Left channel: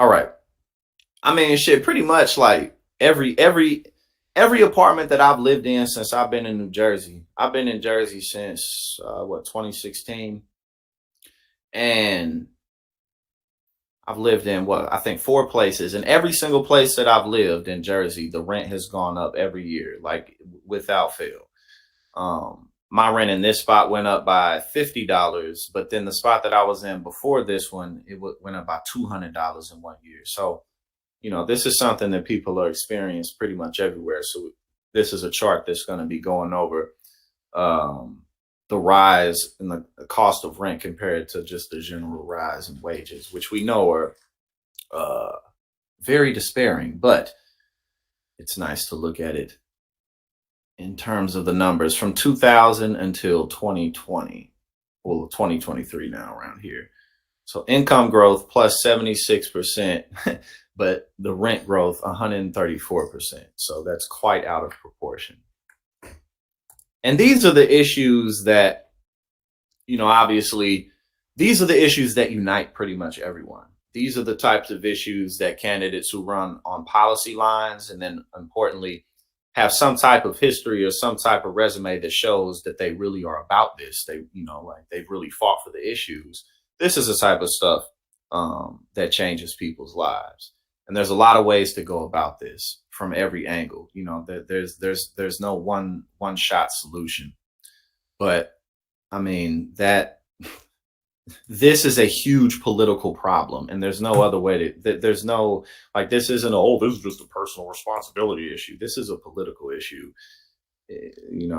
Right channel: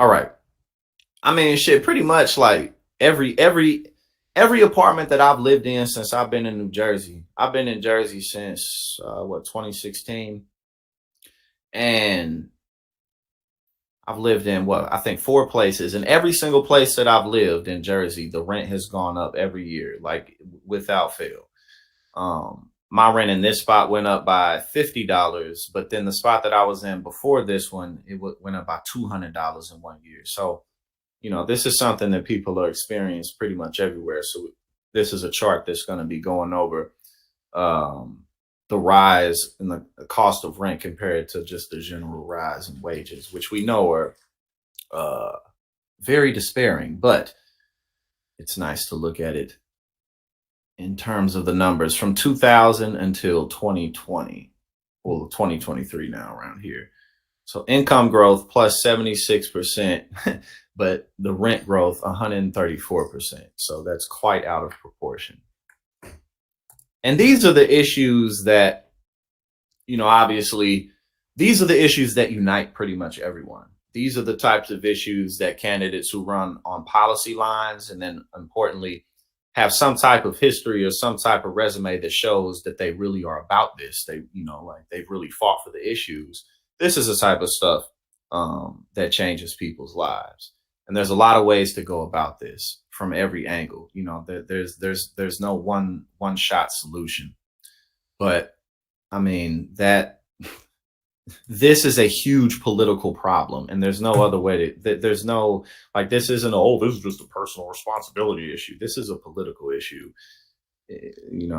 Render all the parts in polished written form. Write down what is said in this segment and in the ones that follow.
All right. I mean, shit, pretty much like every apartment that I've lived in since I've been in New Jersey. I've been in Jersey since 2016, and I've lived in what I think four places, and every single place that I've lived in Jersey, the rent has gone up every year, like without fail. My rent in this spot went up by $50, but then the spot that I was in before this one, went up by $200 in 1 year. So this is something that people are experiencing pretty much everywhere. So this is a chart that's going to be going over um, the rise in the cost of rent compared to just the general rise in wages, which we know are uh, very despairing. But it's nice to look at it in terms of the numbers from 2000 until 2020, well, 2023 now around here. So income growth plus 76%, but the rent growth 134%. So that's quite out of proportion. And these are the issues that, obviously, these are the issues that unite pretty much everyone. These are the types of issues that candidates who run on policy lines and then importantly have some type of history or some type of resume that shows that they really are about this. They, like they've really fought for the issues. This is the type of stuff that changes people's lives. And there's a lot of ways to go about this from every angle. There's no one shot solution. But I mean that this is a huge political problem, and there's no other way to. There's no like this isn't this is just a personal responsibility issue. This is a political issue.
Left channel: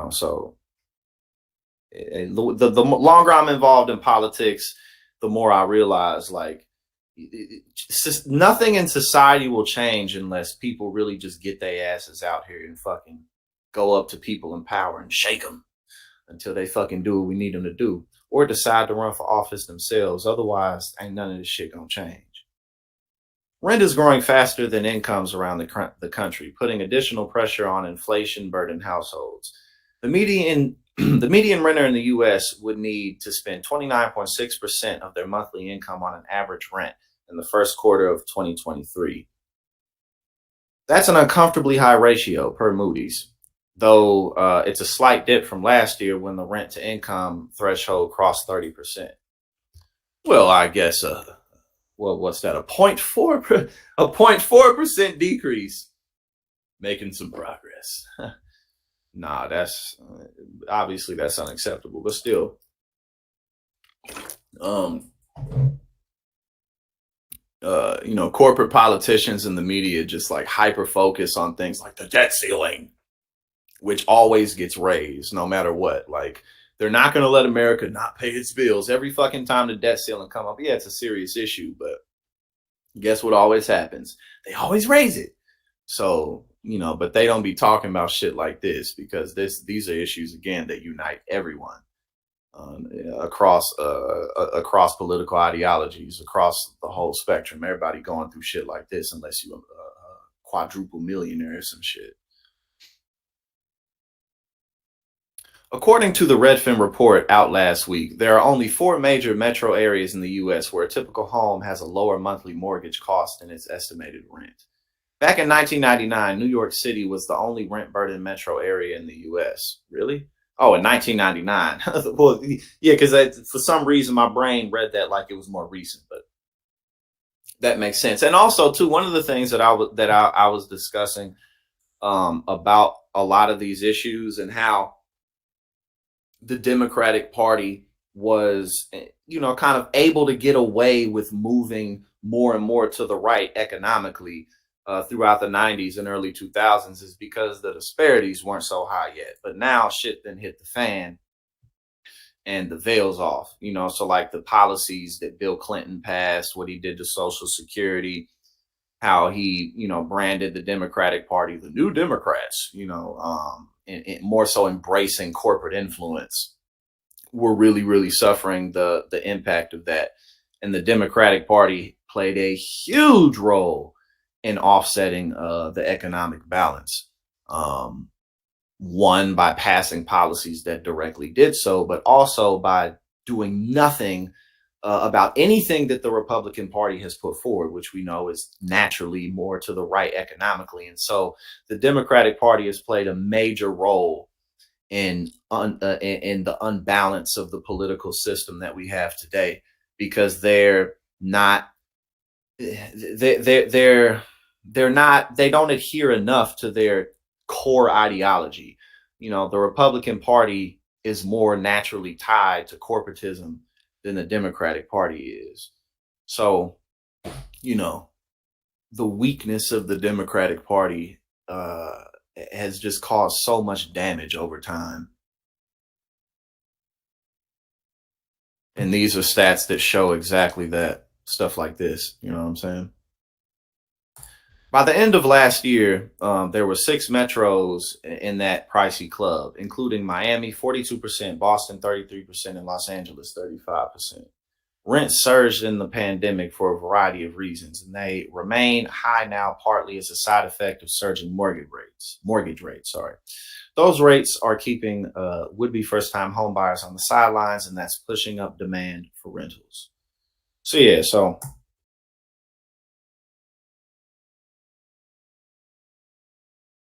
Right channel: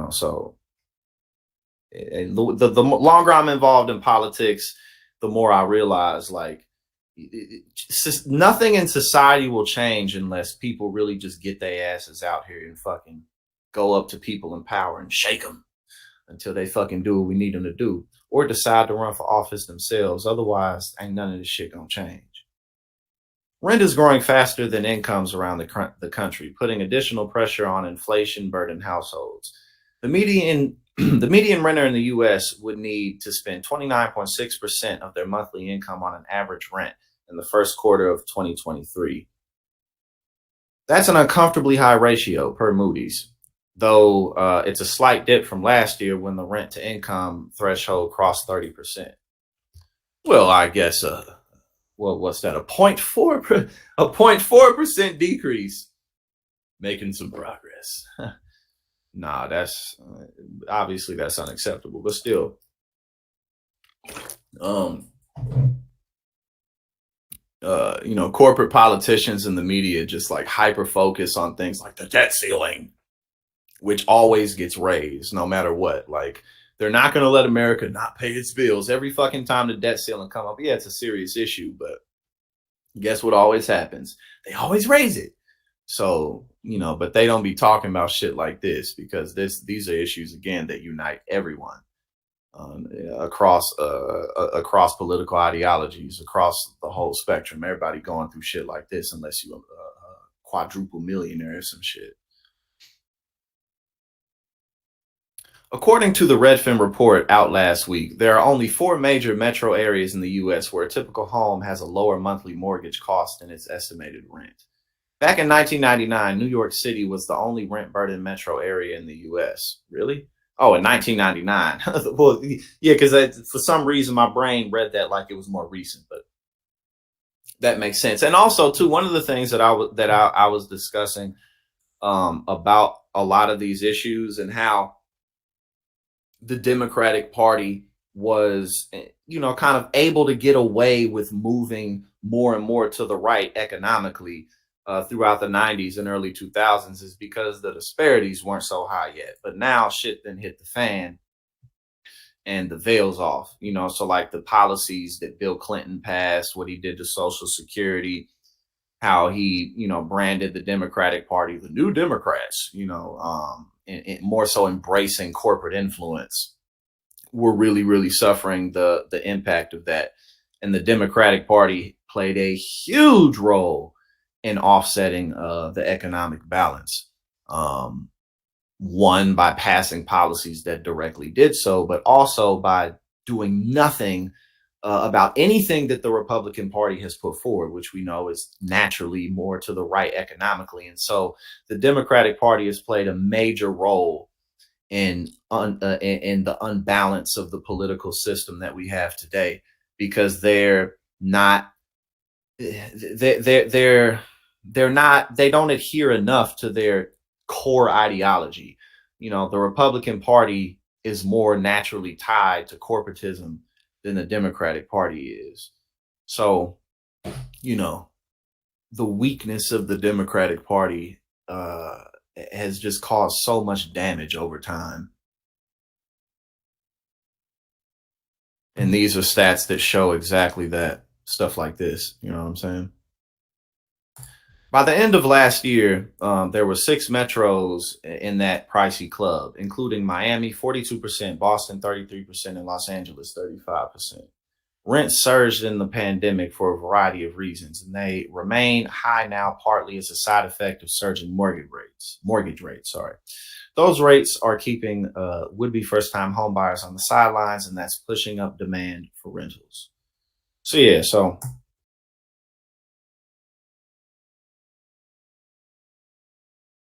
So the longer I'm involved in politics, the more I realize like nothing in society will change unless people really just get their asses out here and fucking go up to people in power and shake them until they fucking do what we need them to do, or decide to run for office themselves. Otherwise, ain't none of this shit gonna change. Rent is growing faster than incomes around the country, putting additional pressure on inflation-burdened households. The median the median renter in the U.S. would need to spend 29.6% of their monthly income on an average rent in the first quarter of 2023. That's an uncomfortably high ratio per Moody's, though it's a slight dip from last year when the rent to income threshold crossed 30%. Well, I guess what's that? A 0.4% decrease, making some progress. Nah, that's obviously that's unacceptable, but still, corporate politicians and the media just like hyper focus on things like the debt ceiling, which always gets raised no matter what. Like they're not going to let America not pay its bills every fucking time the debt ceiling come up. Yeah, it's a serious issue, but guess what always happens? They always raise it. So, but they don't be talking about shit like this because these are issues again that unite everyone across political ideologies, across the whole spectrum. Everybody going through shit like this, unless you're a quadruple millionaire or some shit. According to the Redfin report out last week, there are only 4 major metro areas in the U.S. where a typical home has a lower monthly mortgage cost than its estimated rent. Back in 1999, New York City was the only rent-burdened metro area in the U.S. Really? Oh, in 1999. Well, yeah, because for some reason my brain read that like it was more recent, but that makes sense. And also, too, one of the things that I was discussing about a lot of these issues and how the Democratic Party was, kind of able to get away with moving more and more to the right economically throughout the 90s and early 2000s is because the disparities weren't so high yet. But now shit then hit the fan and the veil's off, so like the policies that Bill Clinton passed, what he did to Social Security, how he, branded the Democratic Party, the New Democrats, and more so embracing corporate influence. We're really, really suffering the impact of that. And the Democratic Party played a huge role in offsetting the economic balance. One, by passing policies that directly did so, but also by doing nothing about anything that the Republican Party has put forward, which we know is naturally more to the right economically. And so the Democratic Party has played a major role in the unbalance of the political system that we have today, because they're not they're not, they don't adhere enough to their core ideology. The Republican Party is more naturally tied to corporatism than the Democratic Party is. So, you know, the weakness of the Democratic Party has just caused so much damage over time. And these are stats that show exactly that, stuff like this. You know what I'm saying? By the end of last year, there were six metros in that pricey club, including Miami, 42%, Boston, 33%, and Los Angeles, 35%. Rents surged in the pandemic for a variety of reasons, and they remain high now, partly as a side effect of surging mortgage rates. Sorry, those rates are keeping would-be first-time homebuyers on the sidelines, and that's pushing up demand for rentals. So yeah, so